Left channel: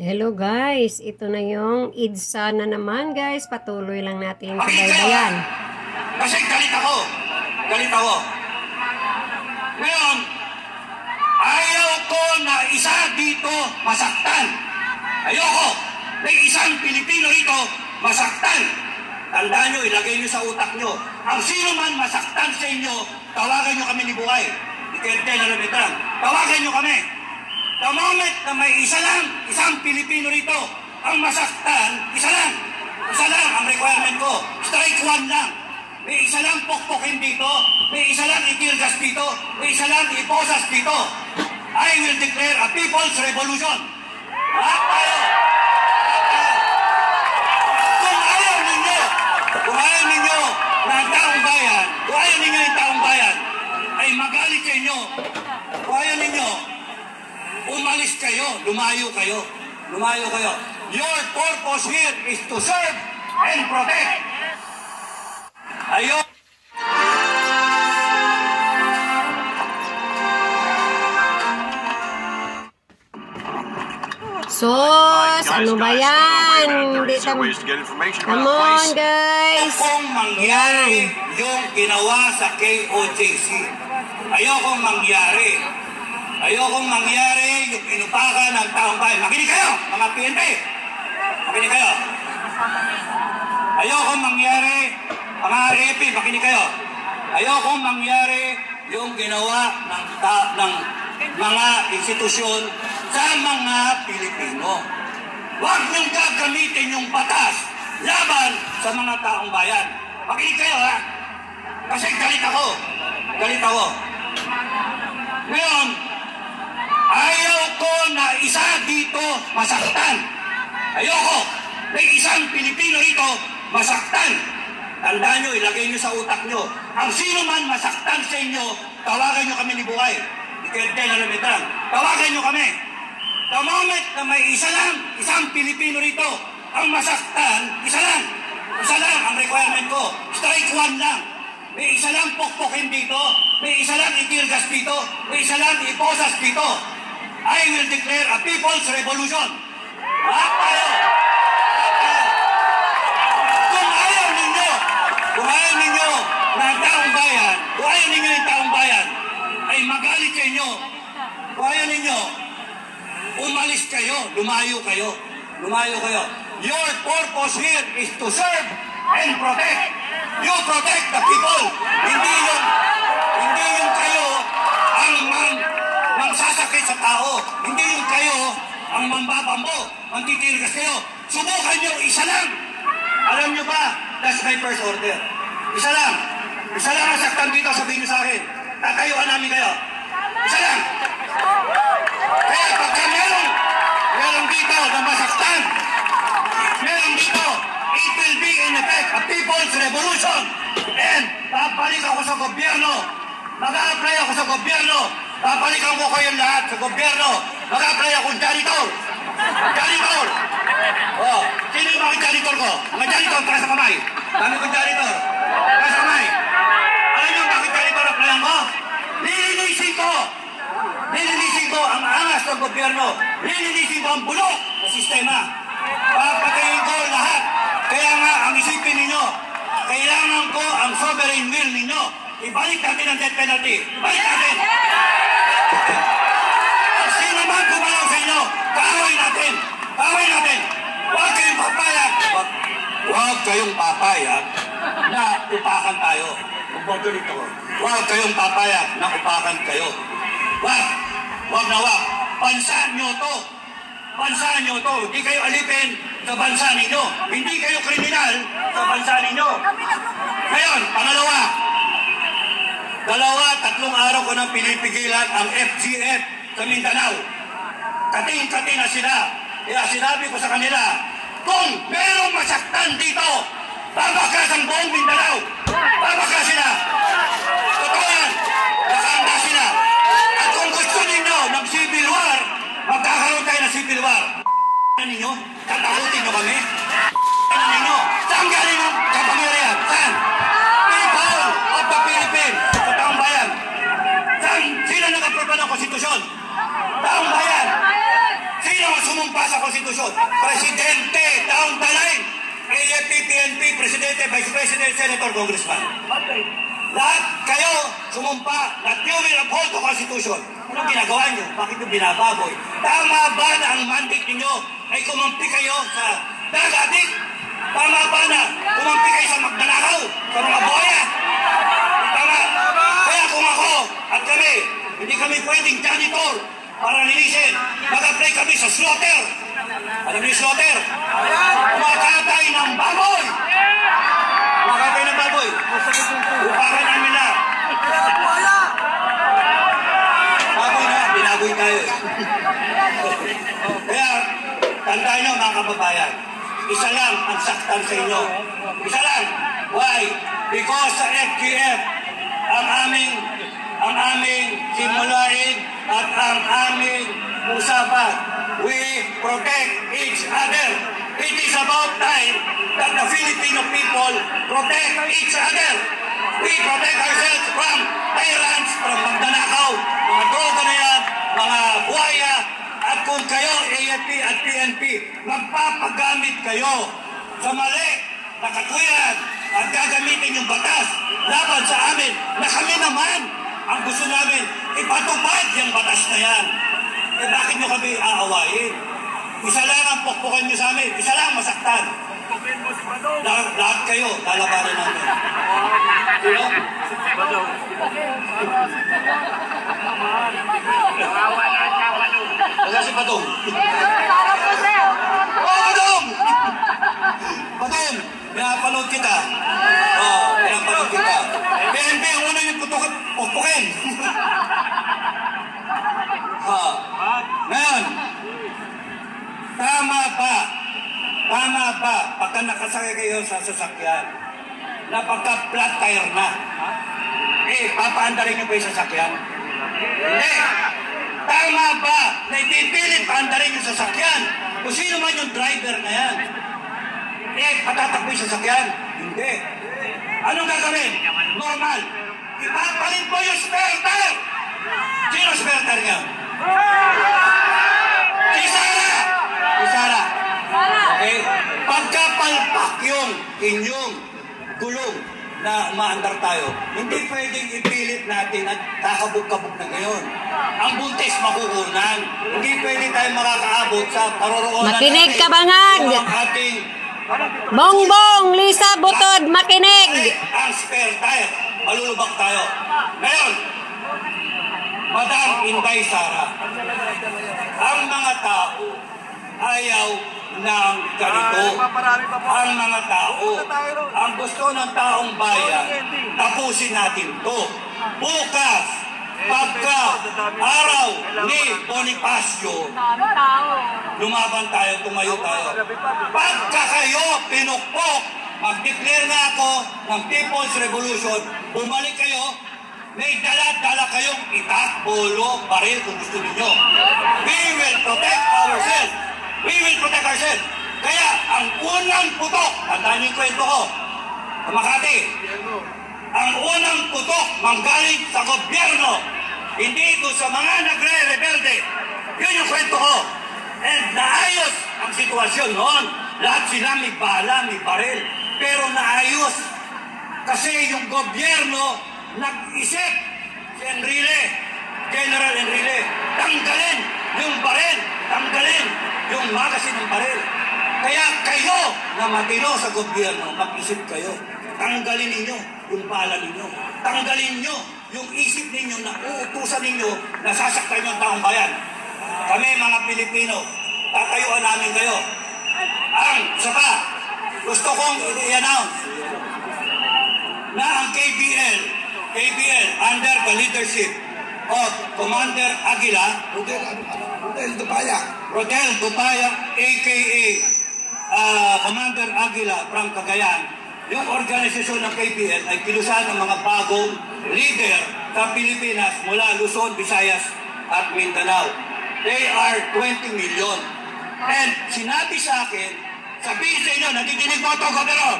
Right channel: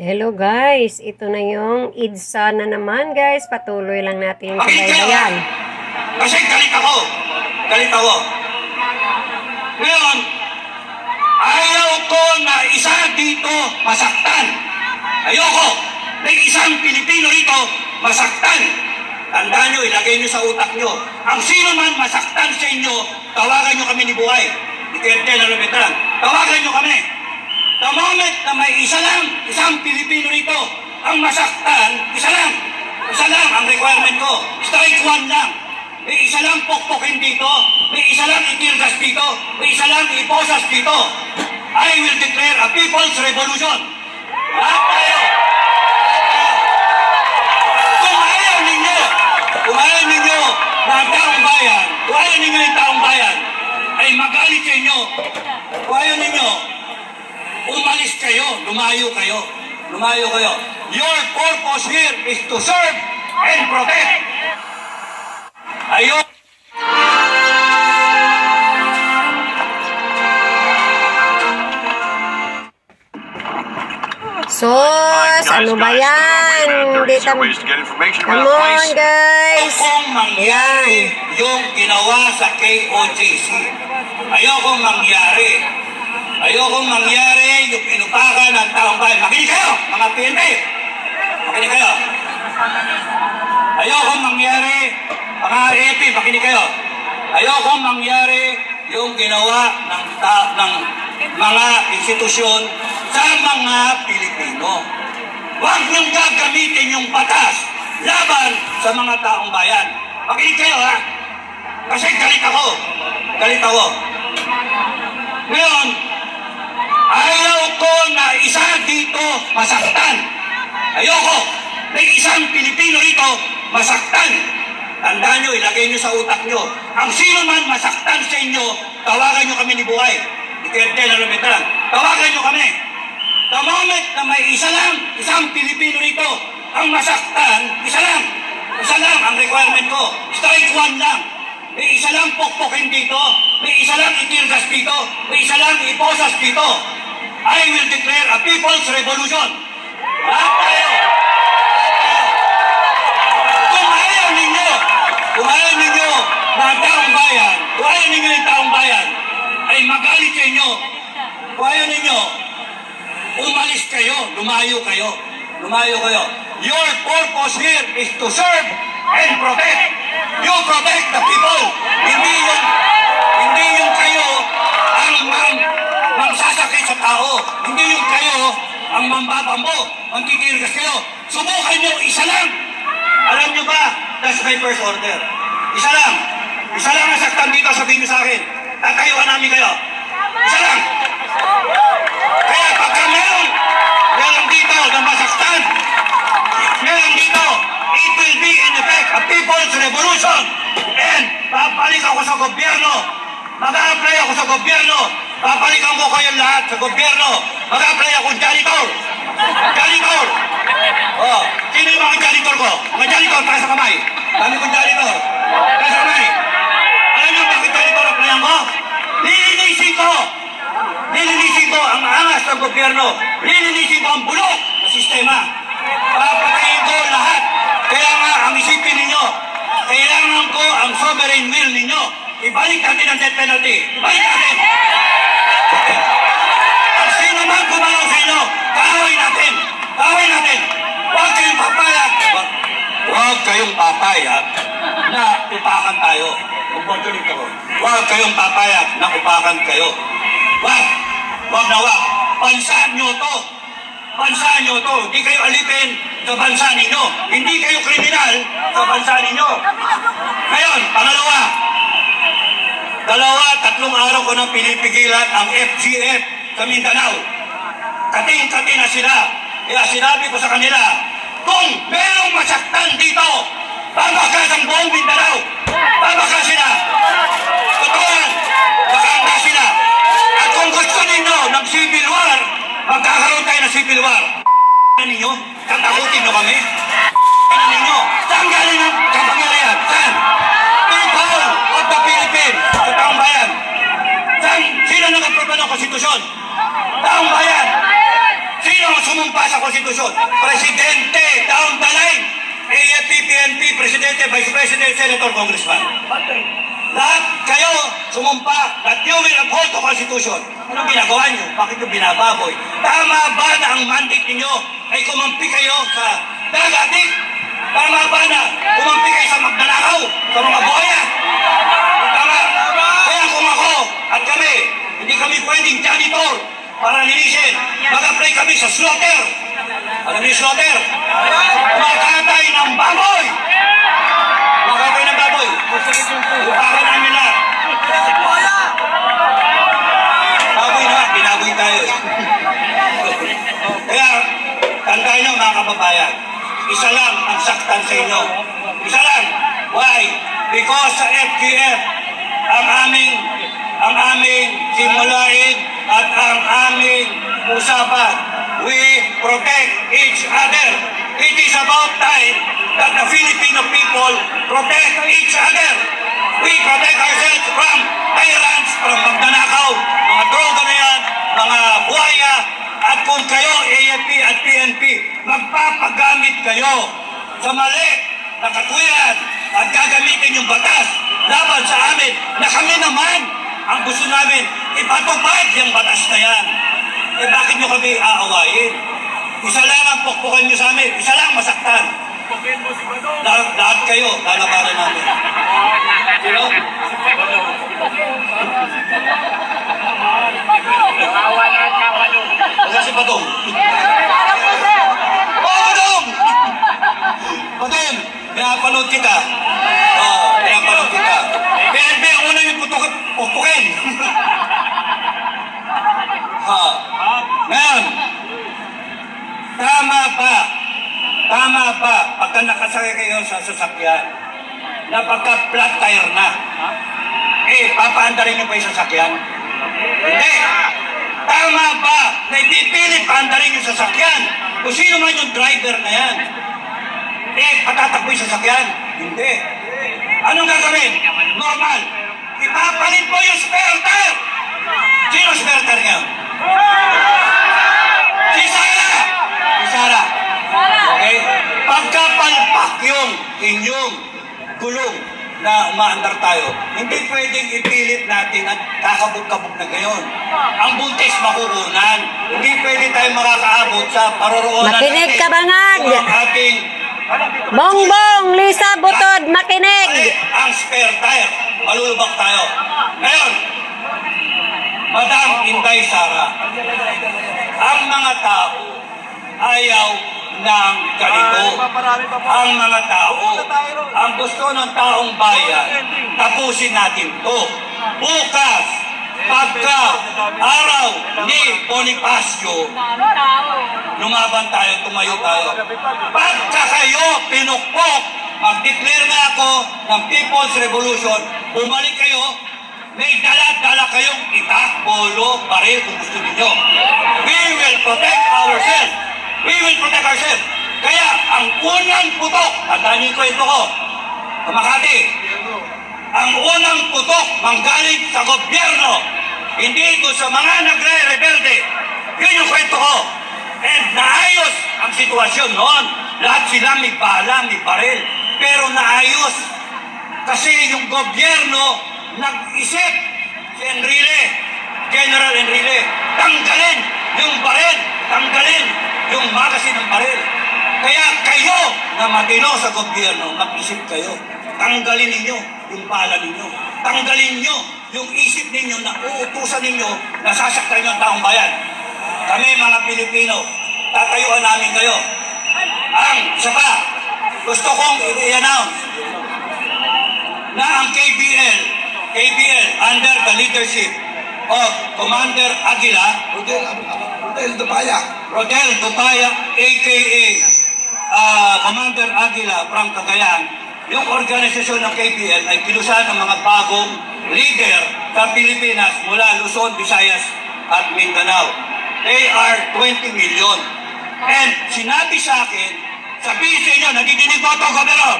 Hello guys, ito na yung EDSA na naman guys. Patuloy lang natin yung kabaybayan. Kasi galit ako. Galit ako. Ngayon, ayaw ko na isa dito masaktan. Ayoko na isang Pilipino rito masaktan. Tandaan nyo, ilagay nyo sa utak nyo. Ang sino man masaktan sa inyo, tawagan nyo kami ni Buhay. Ni Kerte na Lumitran. Tawagan nyo kami. The moment na may isang Pilipino rito, ang masaktan, isa lang ang requirement ko. Strike one lang. May isa lang pokpokin dito, may isa lang itirgas dito, may isa lang iposas dito. I will declare a people's revolution. Lahat tayo. Kung ayaw ninyo ng taong bayan, kung ayaw ninyo yung taong bayan, ay magalit sa inyo. Kung ayaw ninyo, umalis kayo, lumayo kayo. Your purpose here is to serve and protect. Ayun. Sos, ano ba yan? Come on guys. Ayokong mangyari yung ginawa sa KOJC. Ayokong mangyari yung inupakan ng taong bayan. Makinig kayo, mga PNP! Makinig kayo. Ayokong mangyari, mga AP, makinig kayo. Ayokong mangyari yung ginawa ng mga institusyon sa mga Pilipino. Huwag niyong gagamitin yung batas laban sa mga taong bayan. Makinig kayo ha. Kasi galit ako. Ngayon, ayaw ko na isa dito masaktan. Ayoko na isang Pilipino rito masaktan. Tandaan nyo, ilagay nyo sa utak nyo. Ang sino man masaktan sa inyo, tawagan nyo kami ni Buhay. Ni Kerte na Lumitran. Tawagan nyo kami. The moment na may isang Pilipino rito, ang masaktan, isa lang ang requirement ko. Strike one lang. May isa lang pokpokin dito, may isa lang itirgas dito, may isa lang iposas dito. I will declare a people's revolution. Lahat tayo. Kung ayaw ninyo ng taong bayan, kung ayaw ninyo yung taong bayan, ay magalit sa inyo. Kung ayaw ninyo, umalis kayo, lumayo kayo. Your purpose here is to serve and protect. You protect the people. Hindi yung kayo ang magsasakit sa tao. Hindi yung kayo ang mambabambo, ang titirgas kayo. Subukan nyo, isa lang. Alam nyo ba, that's my first order. Isa lang ang saktan dito, sabihin nyo sa akin. Tatayuan namin kayo. Isa lang. Kaya pagka meron dito na masaktan, meron dito, it will be in effect a people's revolution. And babalik ako sa gobyerno. Mag-a-apply ako sa gobyerno. Babalikan ko kayo lahat sa gobyerno. Mag-a-apply ako janitor. Oh, sino yung mga janitor ko? Mga janitor, taas sa kamay. Dami kong janitor. Taas sa kamay. Alam niyo bakit janitor applyan ko? Lilinisin ko ang angas ng gobyerno. Lilinisin ko ang bulok na sistema. Papatayin ko lahat. Kaya nga, ang isipin ninyo, kailangan ko ang sovereign will ninyo. Ibalik natin ang death penalty. Ibalik natin. Ang sino man gumalaw sa inyo, kaaway natin. Huwag kayong papayag na upakan tayo. Huwag kayong papayag na upakan kayo. Huwag. Pansaan nyo to. Hindi kayo alipin sa bansa ninyo. Hindi kayo kriminal sa bansa ninyo. Ngayon, pangalawa. 3 araw ko nang pinipigilan ang FGF sa Mindanao. Kating-kating na sila. Kaya sinabi ko sa kanila, kung merong masaktan dito, babakas ang buong Mindanao. Babakas sila. Totoo yan. Nakahanda sila. At kung gusto ninyo ng civil war, magkakaroon tayo ng civil war. Ninyo, tatakutin nyo kami. Ninyo, saan galing ang kapangyarihan? Saan? People of the Philippines, sa taong bayan. Saan? Sino nag-aproba ng konstitusyon? Taong bayan. Sino? ang sumumpa sa konstitusyon? Presidente, down the line. AFP, PNP, Presidente, Vice President, Senator, Congressman. Lahat kayo sumumpa that you will uphold the Constitution. Anong ginagawa nyo? Bakit nyo binababoy? Tama ba na ang mandate ninyo ay kumampi kayo sa dagatik? Tama ba na kumampi kayo sa magnanakaw, sa mga buhaya? Tama. Kaya kung ako at kami, hindi kami pwedeng janitor para linisin. Mag-apply kami sa slaughter. Alam niyo slaughter? Makatay ng baboy. Makatay ng baboy. Upakan namin lahat. Baboy na, binaboy tayo. Kaya, tandaan nyo mga kababayan, isa lang ang saktan sa inyo. Isa lang. Why? Because sa FGF, ang aming simulain at ang aming usapan, we protect each other. It is about time that the Filipino people protect each other. We protect ourselves from tyrants, from magnanakaw, mga droga na yan, mga buhaya, at kung kayo, AFP at PNP, magpapagamit kayo sa mali na katwiran at gagamitin yung batas laban sa amin na kami naman ang gusto namin ipatupad yung batas na yan. Eh bakit nyo kami aawayin? Isa lang ang pukpukan nyo sa amin, isa lang masaktan. Lahat kayo, lalabanan namin. Sino? Wala si Padong. Padong! Padong! Pinapanood kita. Pinapanood kita. PNP, ang una yung pukpukin. Ngayon, tama ba, pagka nakasakay kayo sa sasakyan, na pagka flat tire na, papaandarin niyo pa yung sasakyan? Hindi. Tama ba na ipipilit paandarin yung sasakyan? Kung sino man yung driver na yan, patatakbo yung sasakyan? Hindi. Anong gagawin? Normal. Ipapalit mo yung spare tire. Sino spare tire niya? Si Sara. Si Sara. Okay? Pagkapalpak yung inyong gulong na umaandar tayo, hindi pwedeng ipilit natin at kakabog-kabog na ngayon. Ang buntis makukunan. Hindi pwede tayo makakaabot sa paroroonan natin. Makinig ka, Bangag! Ang ating Bongbong, Lisa Butod, makinig! Ang spare tire. Malulubak tayo. Ngayon, Madam Inday Sara, ang mga tao ayaw ng ganito. Ang mga tao, ang gusto ng taong bayan, tapusin natin to. Bukas, pagka araw ni Bonifacio, lumaban tayo, tumayo tayo. Pagka kayo pinukpok, mag-declare na ako ng People's Revolution, bumalik kayo, may dala-dala kayong itak, polo, baril kung gusto ninyo. We will protect ourselves. We will protect ourselves. Kaya ang unang putok, tandaan niyo yung kwento ko, sa Makati, ang unang putok manggaling sa gobyerno, hindi ko sa mga nagre-rebelde. Yun yung kwento ko. And naayos ang sitwasyon noon. Lahat sila may bala, may baril. Pero naayos. Kasi yung gobyerno nag-isip, si Enrile, General Enrile, tanggalin yung baril, tanggalin yung magasin ng baril. Kaya kayo na matino sa gobyerno, mag-isip kayo. Tanggalin ninyo yung bala ninyo. Tanggalin nyo yung isip ninyo na uutusan ninyo na sasaktan nyo ang taong bayan. Kami mga Pilipino, tatayuan namin kayo. Ang isa pa, gusto kong i-announce na ang KBL under the leadership of Commander Aguila, Rodel Dupaya, aka Commander Aguila from Cagayan, yung organisasyon ng KBL ay kilusan ng mga bagong leader sa Pilipinas mula Luzon, Visayas at Mindanao. They are 20 million. And sinabi sa akin, sabihin sa inyo, nadidinig mo ito, Governor,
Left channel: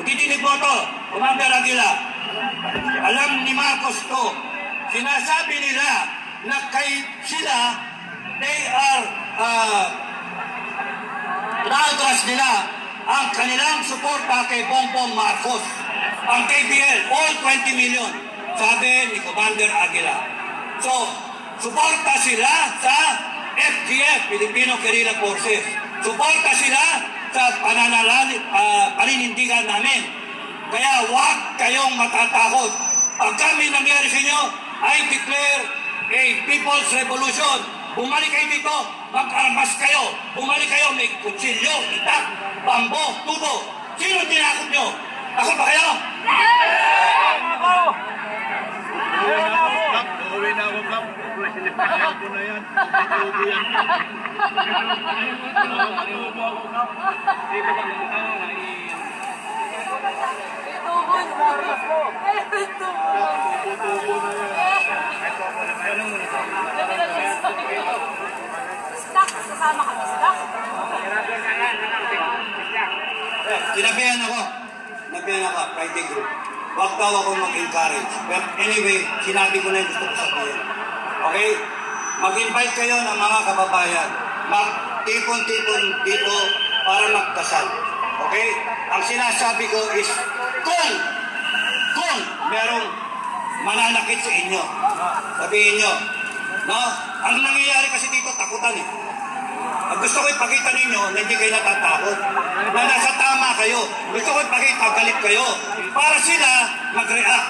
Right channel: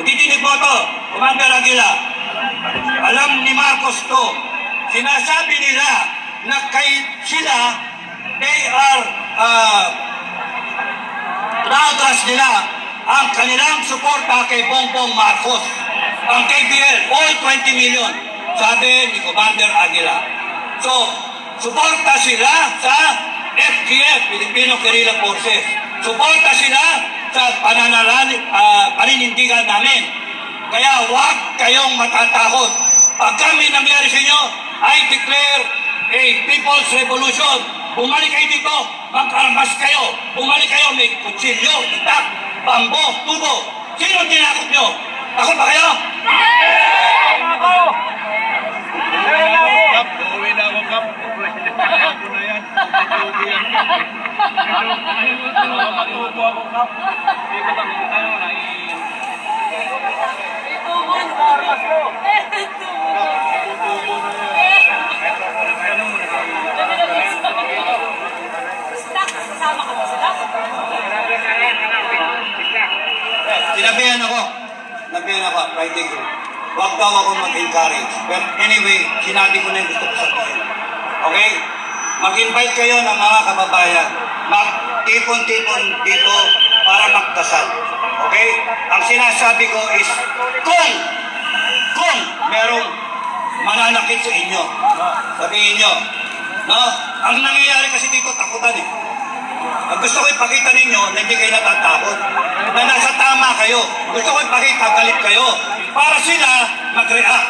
nadidinig mo ito, Commander Aguila, alam ni Marcos to, sinasabi nila na kay sila, they are inautras nila ang kanilang suporta kay Bongbong Marcos. Ang KBL, all 20 million, sabi ni Commander Aguila. So, suporta sila sa FGF, Filipino Guerrilla Forces. Suporta sila sa paninindigan namin. Kaya huwag kayong matatakot. Pag kami nangyari sa inyo, I declare a People's Revolution. Bumalik kayo dito, mag-armas kayo. Bumalik kayo, may kutsilyo, itak, bambo, tubo. Sino tinakot nyo? Takot ba kayo? Uuwi na ako, Kap. Ako na yan. Uuwi yan. Matubo ako, Kap. Hindi ko nakikita nyo na itubon na armas ko. Tubo na yan. Ano mo na? Stock, kasama ka sa stock. Sinabihan ako, fighting group. Huwag daw ako mag-encourage. But anyway, sinabi ko na yung gusto ko sabihin. Okay? Mag-invite kayo ng mga kababayan. Mag-tipon-tipon dito para magdasal. Okay? Ang sinasabi ko is, kung merong mananakit sa inyo, sabihin nyo, no? Ang nangyayari kasi dito, takutan eh. Ang gusto ko ipakita ninyo na hindi kayo natatakot, na nasa tama kayo. Gusto ko ipakita, galit kayo, para sila mag-react.